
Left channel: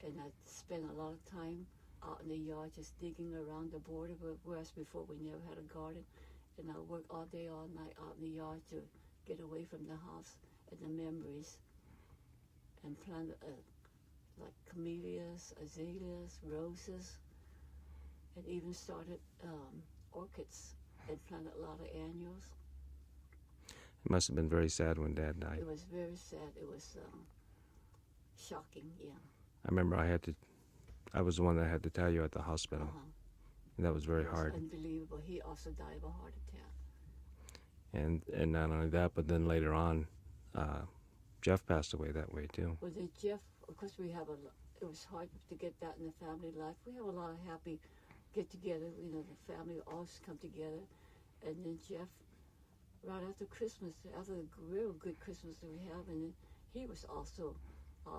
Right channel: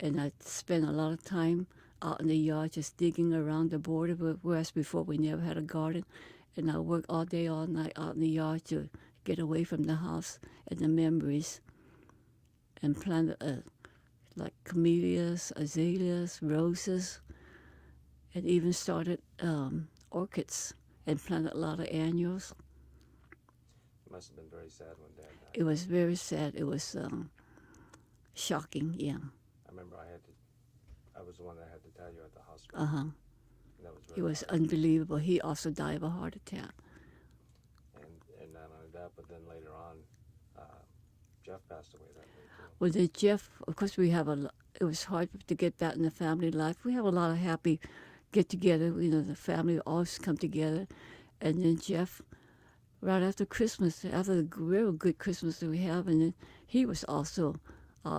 and I spent a lot of time out in the yard just digging around the border. Whereas before we never had a garden, and I worked all day, all night out in the yard to get away from the house and the memories, and planted like camellias, azaleas, roses, and even started orchids and planted a lot of annuals. It must have been very sad when Dad died. It was very sad. It was shocking, yeah. I remember I was the one that had to tell you at the hospital. And that was very It was hard. unbelievable. He also died of a heart attack. And not only that, but then later on, Jeff passed away that way too. Well, then Jeff, of course, it was hard to get back in the family life. We have a lot of happy get-together. The family always come together. And then Jeff, right after Christmas, after the real good Christmas that we have, and then he was also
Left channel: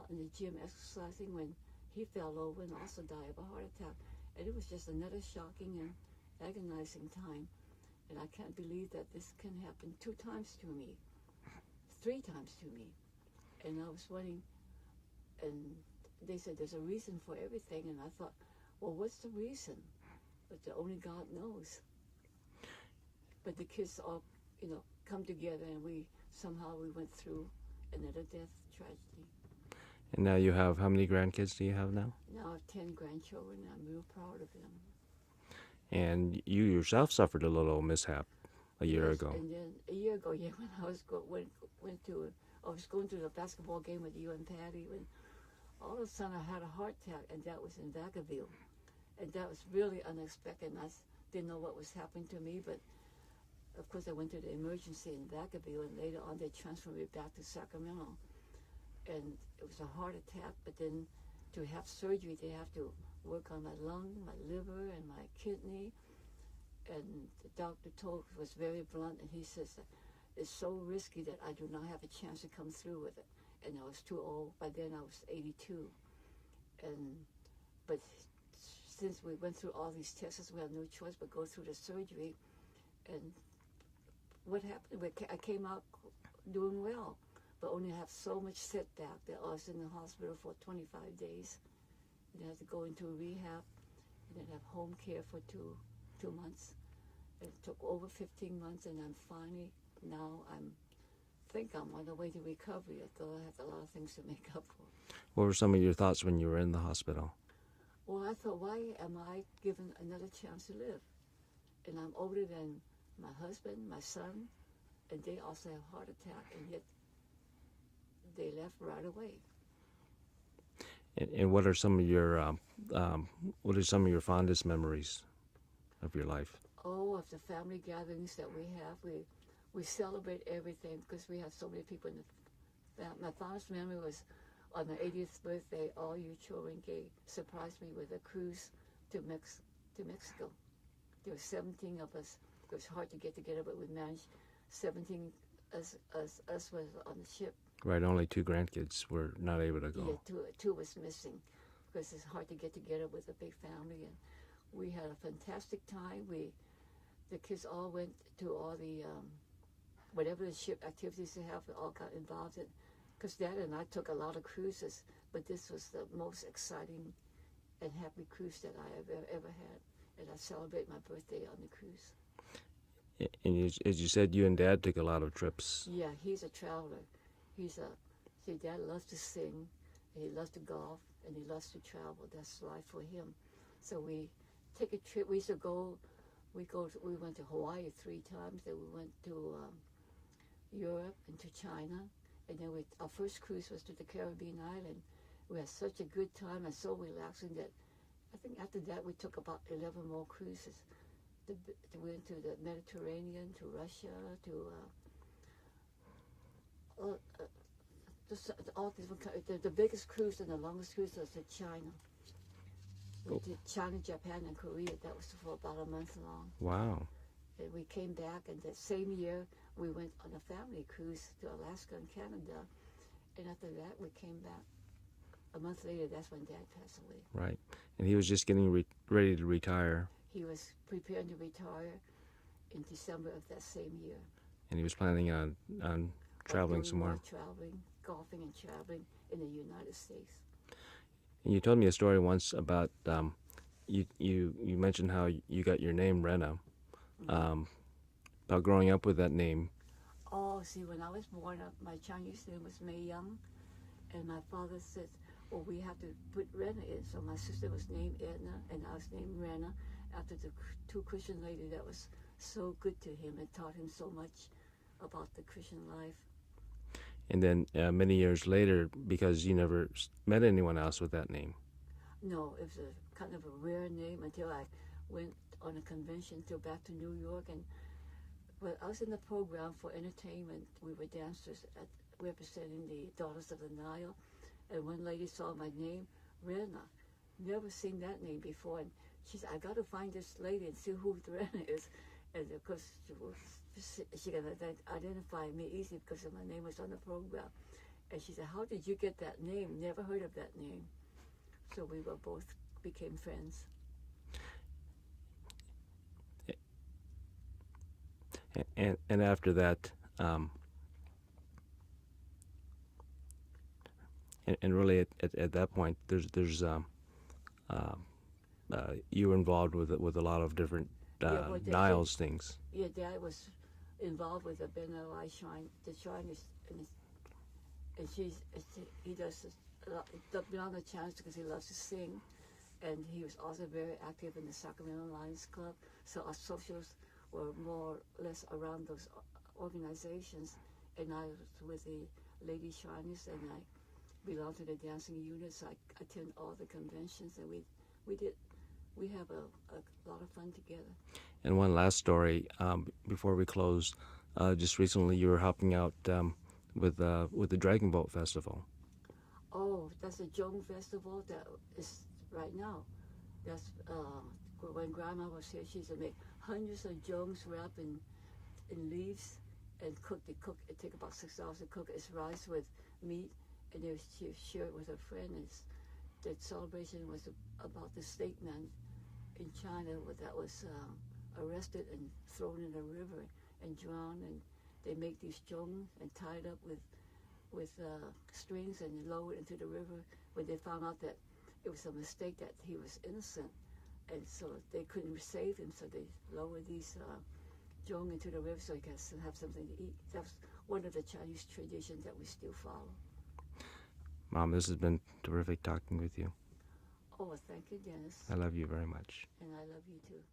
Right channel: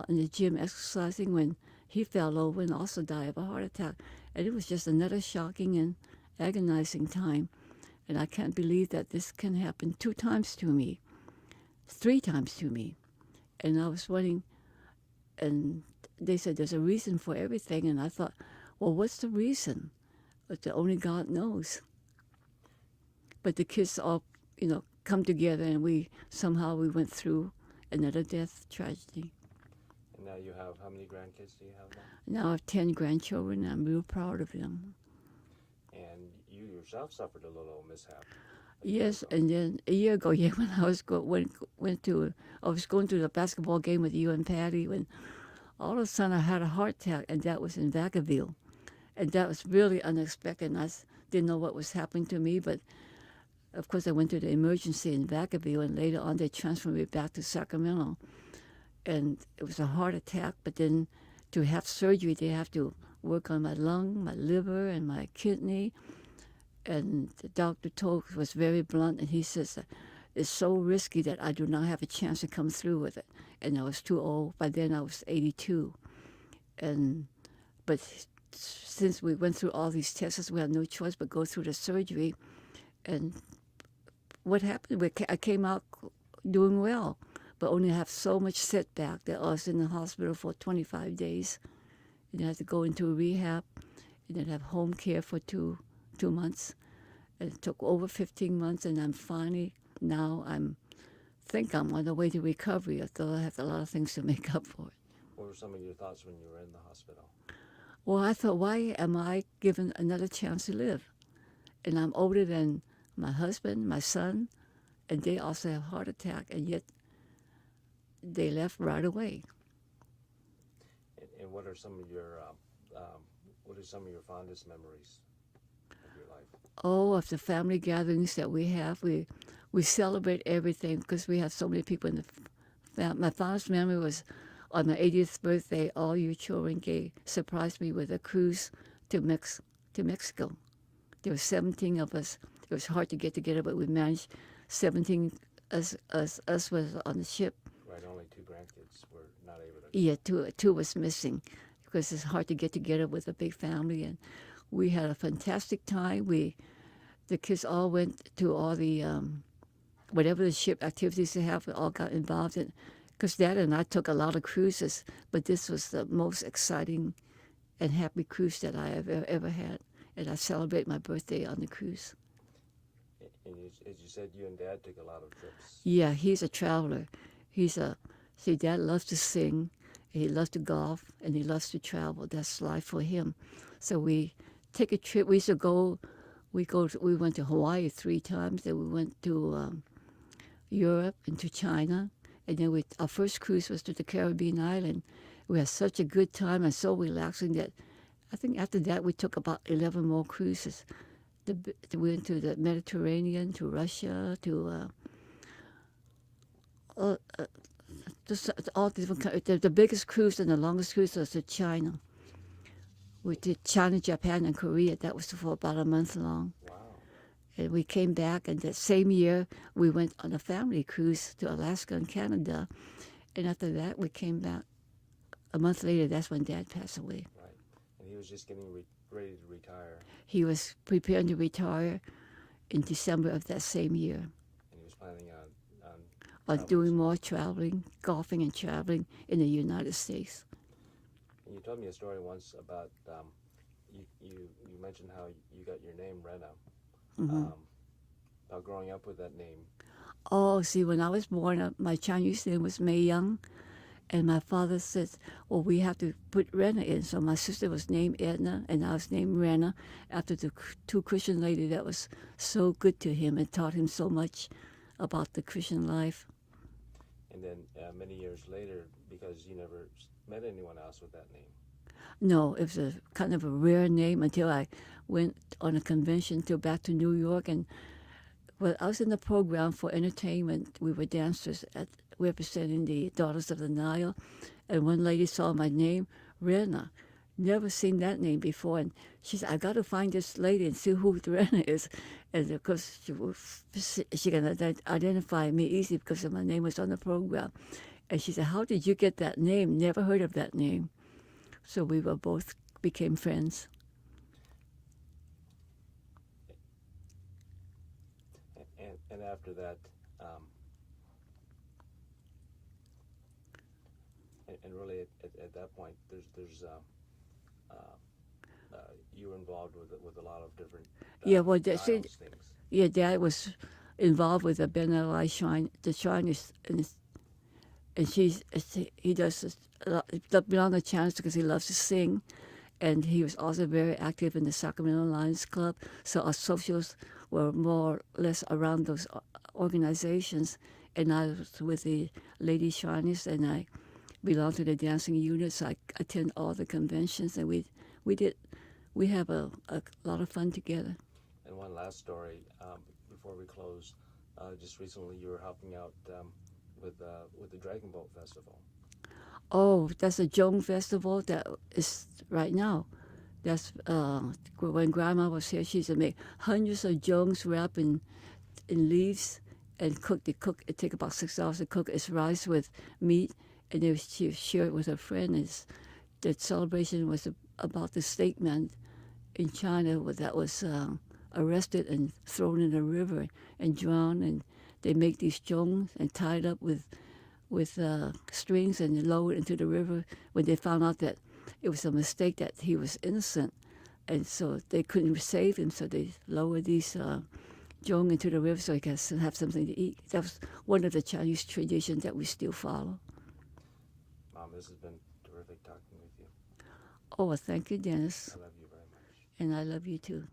in the gym exercising when he fell over and also died of a heart attack. And it was just another shocking and agonizing time. And I can't believe that this can happen 2 times to me, 3 times to me. And I was wondering, and they said there's a reason for everything. And I thought, well, what's the reason? But only God knows. But the kids all, come together, and we went through another death tragedy. And now you have, how many grandkids do you have now? Now I have 10 grandchildren, and I'm real proud of them. And you yourself suffered a little mishap a year ago. Yes, and then a year ago, when I was I was going to the basketball game with you and Patty, when all of a sudden I had a heart attack, and that was in Vacaville. And that was really unexpected, and I didn't know what was happening to me, but of course I went to the emergency in Vacaville, and later on they transferred me back to Sacramento. And it was a heart attack, but then to have surgery, they have to work on my lung, my liver, and my kidney. And the doctor was very blunt, and he says, it's so risky that I do not have a chance to come through with it. And I was too old. By then I was 82. But since we went through all these tests, we had no choice but go through the surgery. And what happened? I came out doing well, but only have so much setback that I was in the hospital for 25 days. And I had to go into rehab, and then have home care for two months. And it took over 15 months, and I'm finally, now I think I'm on the way to recovery, although I have a lot of things to make up for it. What were some of your thoughts when you were in the hospital? Well, I thought, why am I given another chance to live? And I'm older than my husband, my son, and they also have heart attack, and yet they left right away. And what are some of your fondest memories of your life? Oh, of the family gatherings that we have, we celebrate everything because we have so many people in the family. My fondest memory was on my 80th birthday. All you children surprised me with a cruise to Mexico. There were 17 of us. It was hard to get together, but we managed 17 us was on the ship. Right, only two grandkids were not able to go. Yeah, two was missing because it's hard to get together with a big family, and we had a fantastic time. The kids all went to all the whatever the ship activities they have. We all got involved in. Because Dad and I took a lot of cruises, but this was the most exciting and happy cruise that I have ever had, and I celebrate my birthday on the cruise. And as you said, you and Dad took a lot of trips. Yeah, he's a traveler. See, Dad loves to sing, he loves to golf, and he loves to travel. That's life for him. So we take a trip. We used to go. We went to Hawaii 3 times. Then we went to Europe and to China, and then our first cruise was to the Caribbean island. We had such a good time and so relaxing that I think after that we took about 11 more cruises. We went to the Mediterranean, to Russia, to just all different. The biggest cruise and the longest cruise was to China. We did China, Japan, and Korea. That was for about a month long. Wow. And we came back, and that same year we went on a family cruise to Alaska and Canada. And after that, we came back. A month later, that's when Dad passed away. Right. And he was just getting ready to retire. He was preparing to retire in December of that same year. And he was planning on traveling doing some more traveling, golfing and traveling in the United States. And you told me a story once about you mentioned how you got your name Renna. About growing up with that name. Oh, see, when I was born, my Chinese name was Mei Young, and my father said, well, we have to put Renna in. So my sister was named Edna, and I was named Renna after the 2 Christian ladies that was so good to him and taught him so much about the Christian life. And then many years later, because you never met anyone else with that name. No, it was a kind of a rare name until I went on a convention back to New York, and I was in the program for entertainment. We were dancers representing the Daughters of the Nile, and one lady saw my name, Renna. Never seen that name before, and she said, I got to find this lady and see who Renna is. And of course, she can identify me easy because my name was on the program. And she said, how did you get that name? Never heard of that name. So we both became friends. And after that, and really at that point, there's you were involved with a lot of different Niles things. Yeah, Dad was involved with the Ben Ali Shrine, the shrine is, and he does beyond the chance because he loves to sing, and he was also very active in the Sacramento Lions Club. So our socials were more or less around those organizations, and I was with the Lady Shriners, and I belong to the dancing unit. So I attend all the conventions, and we have a lot of fun together. And one last story before we close. Just recently, you were helping out with the Dragon Boat Festival. Oh, that's a Jong festival that is right now. That's when Grandma was here. She used to make hundreds of jongs wrapped in leaves and cook. It take about 6 hours to cook. It's rice with meat, and she shared it with her friend. The celebration was about the state man in China that was arrested and thrown in a river and drowned. And they make these jongs and tied up with strings and lowered into the river when they found out that it was a mistake, that he was innocent, and so they couldn't save him, so they lowered these jong into the river so he could have something to eat. That was one of the Chinese traditions that we still follow. Mom, this has been terrific talking with you. Oh, well, thank you, Dennis. I love you very much. And I love you too.